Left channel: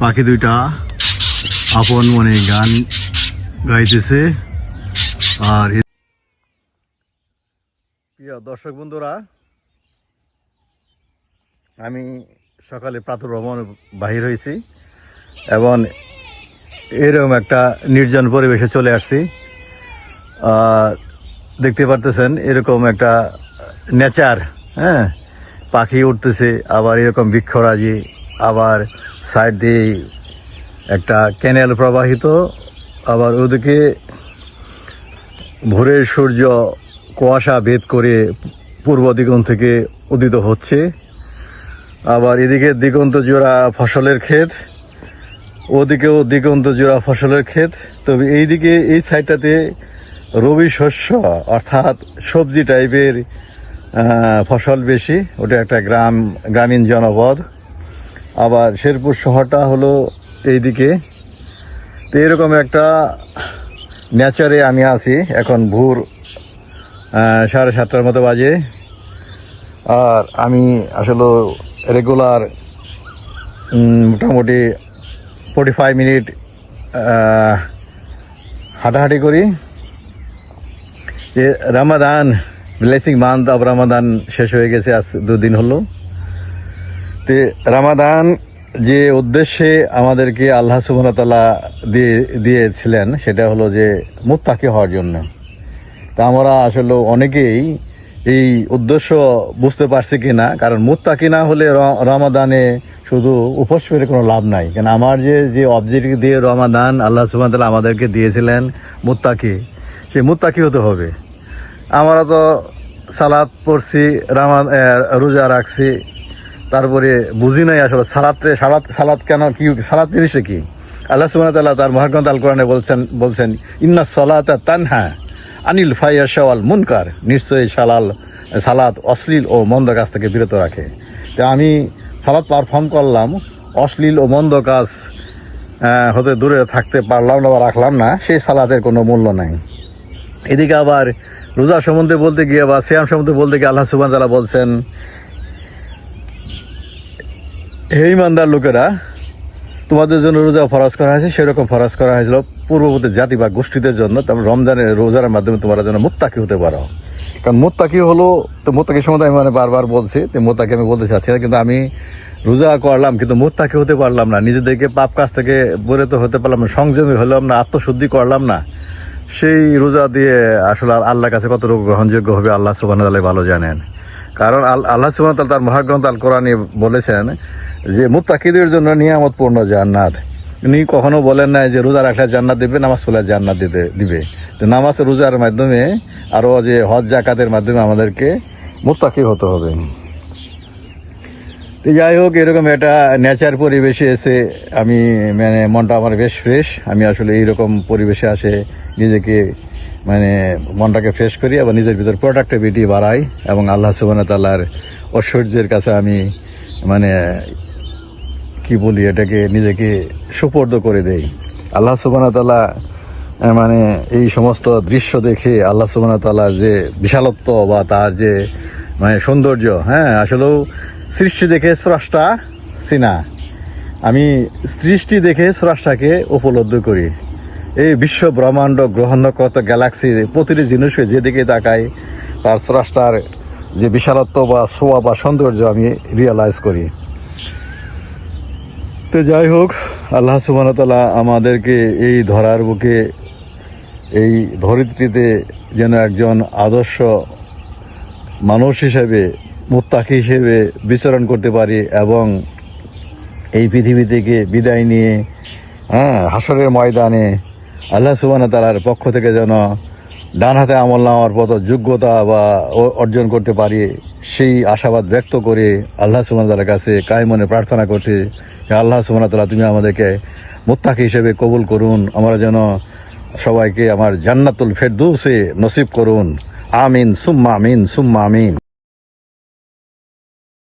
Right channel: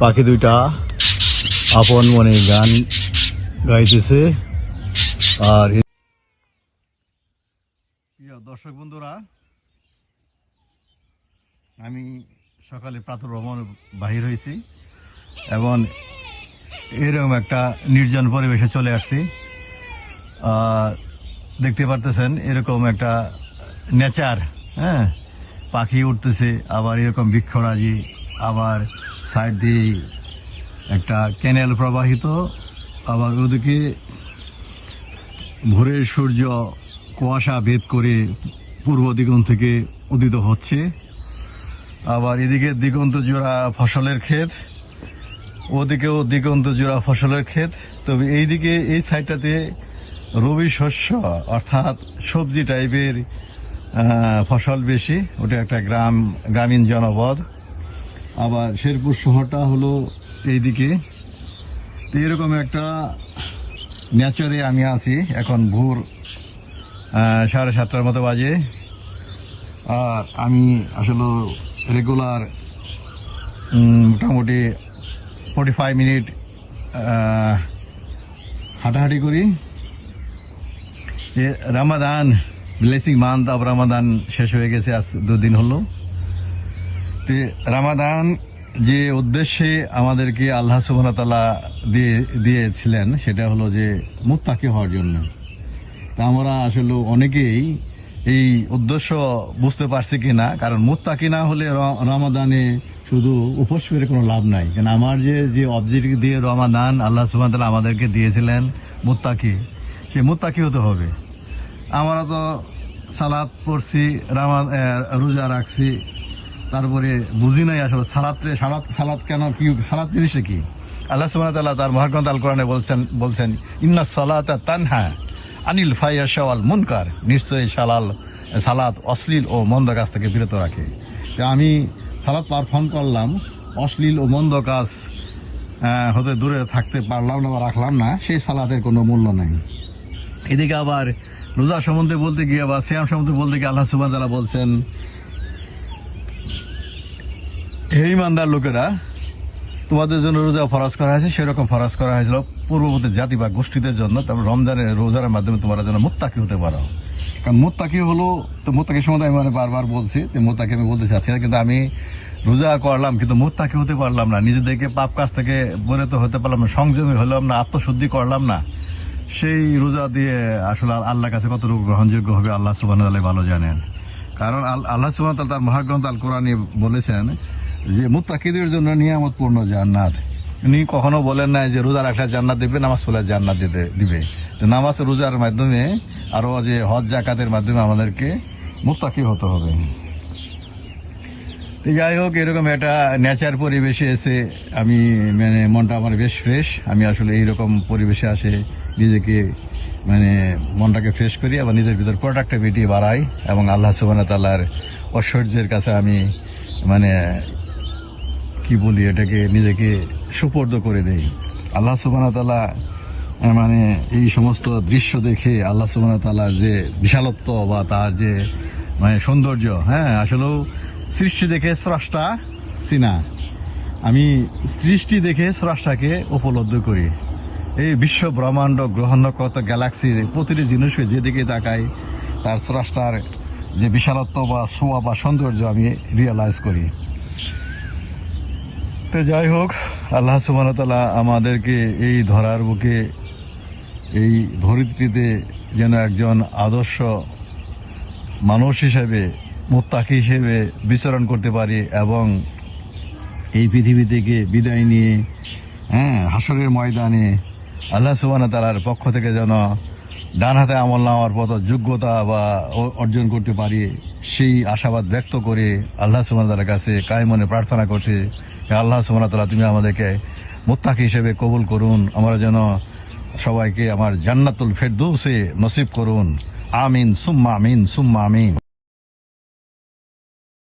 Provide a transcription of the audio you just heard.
পাখি দুইটা আপন মনে গান গাইতেছে। আর প্রিয় দর্শক বন্ধুরা, আমি সকালে প্রাতঃভ্রমণ বাহির হয়েছি এবং এরকম একটা নির্জন পরিবেশে চলে আসছি। দেখতে পারতেছেন এরকম একটা নেচার, হ্যাঁ, পাখি উঠতেছে, আবার এরকম বৃক্ষরাজি, আবার সাইড দিয়ে একটা ক্যানেল প্রবাহিত, আবার ওদিকে ভোরের সূর্য কুয়াশা ভেদ করে পূর্ব দিগন্ত থেকে উদিত হচ্ছে। আবার এদিকে দিগন্ত জোড়া ফসলের ক্ষেত, ওদিকেও দিগন্ত জোড়া ফসলের ক্ষেত। তবে এইদিকে এই সাইডটাতে রবি শস্য অর্থাৎ সবজি টাইপের ফসল বেশি। ওটা একটা গ্রামীণ জনপদ। আবার শেরপুর শহরটা হলো এইদিকে। তো এরকম একটা নেচারে আমি আছি। এখন ভোর 7:30টার মতো বাজে। আর আমি আসলে রেগুলার মোটামুটি 45 মিনিট হাঁটাহাঁটি করি। যে Ramadan, blessing month of Ramadan শেষ হয়ে গেছে, আজ 2 দিন হলো। তো রামাদান যে উদ্দেশ্যে আমাদেরকে আল্লাহ সুবহানাহু ওয়া তাআলা দিয়েছিলেন সেটা হলো যে মুত্তাকি হওয়ার জন্য। তা আমরা আসলে অনেকেই এই উদ্দেশ্য বুঝতে পারছি কিনা, কারণ মুত্তাকি না হলে রমাদানে শুধু উপোস করে কোনো লাভ নাই। কেন আমার যে অবজেক্টিভ দিয়ে রমাদান আল্লাহ সুবহানাহু ওয়া তাআলা আমাদেরকে দিয়েছিলেন মুত্তাকি, সেই মুত্তাকি হতে হবে। আমরা তো সালাত পড়ছি, রোজা রাখছি, তারপরে বুঝি নাই আসলে সালাত কেন, কি সালাত জিনিসটা কি। আল্লাহ সুবহানাহু ওয়া তাআলা তার মহাগ্রন্থ আল কোরআনে বলছেন ইন্নাস সালাতা তানহা আনিল ফাহশা ওয়াল মুনকার, নিশ্চয়ই সালাত অশ্লীল ও মন্দ কাজ থেকে বিরত রাখে। তো আমি সালাত পারফর্ম করলাম, অশ্লীল ও মন্দ কাজ হতে দূরে থাকতে পারলাম না বা রাখলাম না, সেই সালাতের কোনো মূল্য নাই। এদিকে আবার রোজা সম্বন্ধে বলতে গিয়ে বা সিয়াম সম্বন্ধে বলতে গিয়ে আল্লাহ সুবহানাহু ওয়া তাআলা বলছেন, হে ইমানদার লোকেরা, তোমাদের জন্য রোজা ফরজ করা হয়েছে সেরকম ফরজ করা হয়েছিল পূর্ববর্তী জাতি বা গোষ্ঠীদের জন্য। তারপর রমজানের রোজার মাধ্যমে তোমরা যেন মুত্তাকি হতে পারো। কারণ মুত্তাকি হলো, তো মুত্তাকির সম্বন্ধে আমি বারবার বলছি, তো মুত্তাকি আমি বলতে চাচ্ছি না, কিন্তু আমি রোজা করলাম কিন্তু মুত্তাকি হতে পারলাম না, নিজেদেরকে পাপ কাজ থেকে বিরত হতে পারলাম না, সংযমী হলাম না, আত্মশুদ্ধি করলাম না। সেই রোজা দিয়ে আসলে আল্লাহর কাছে কত গ্রহণযোগ্য হবে আল্লাহ সুবহানাহু ওয়া তাআলা ভালো জানেন। কারণ আল্লাহ সুবহানাহু ওয়া তাআলা তার মহাগ্রন্থ আল কোরআনে বলেছেন যে মুত্তাকিদের জন্য নিয়ামতপূর্ণ জান্নাত। উনি কখনো বলেন না যে রোজা রাখলে জান্নাত দিবে, নামাজ পড়লে জান্নাত দিবে। তো নামাজ রোজার মাধ্যমে আরো যে হজ জাকাতের মাধ্যমে আমাদেরকে মুত্তাকি হতে হবে। তো যাই হোক, এরকম একটা নেচার পরিবেশে এসে আমি মানে মনটা আমার বেশ ফ্রেশ। আমি আসলে এইরকম পরিবেশে আসে নিজেকে মানে মনটাকে ফ্রেশ করি এবং নিজের ভিতর প্রোডাক্টিভিটি বাড়াই এবং আল্লাহ সুবহানাহু ওয়া তাআলার ঐশ্বর্যের কাছে আমি মানে কি বলি, এটাকে নিজেকে সুপর্দ করে দেই। আল্লাহ সুবহানাহু ওয়া তাআলা মানে এই সমস্ত দৃশ্য দেখে আল্লাহ সুবহানাহু ওয়া তাআলার যে বিশালত্ব বা তার যে মানে সৌন্দর্য, হ্যাঁ, আসলেও সৃষ্টি দেখে স্রষ্টা চিনা। আমি সৃষ্টি দেখে স্রষ্টাকে উপলব্ধি করি। এই বিশ্ব ব্রহ্মাণ্ড গ্রহ নক্ষত্র গ্যালাক্সি প্রতিটি জিনিসকে যেদিকে তাকাই তার স্রষ্টার যে বিশালত্ব বা শোভা বা সৌন্দর্য আমি রিয়েলাইজ করি। তো যাই হোক, আল্লাহ সুবহানাহু ওয়া তাআলা আমাদেরকে এই ধরার বুকে, এই ধরিত্রীতে যেন একজন আদর্শ মানুষ হিসেবে, মুত্তাকি হিসেবে বিচরণ করতে পারি এবং এই পৃথিবী থেকে বিদায় নিয়ে হাসরের ময়দানে আল্লাহ সুবহানাহু ওয়া তাআলার পক্ষ থেকে যেন ডান হাতে আমল নেওয়ার মতো যোগ্যতা বা অর্জন করতে পারি, সেই আশাবাদ ব্যক্ত করে আল্লাহ সুবহানাহু ওয়া তাআলার কাছে কায়মনে প্রার্থনা করছি যে আল্লাহ সুবহানাহু ওয়া তাআলা তুমি আমাদেরকে মুত্তাকি হিসেবে কবুল করুন, আমরা যেন সবাইকে আমার জান্নাতুল ফেরদৌসে নসিব করুন। আমিন সুম্মা আমিন সুম্মা আমিন।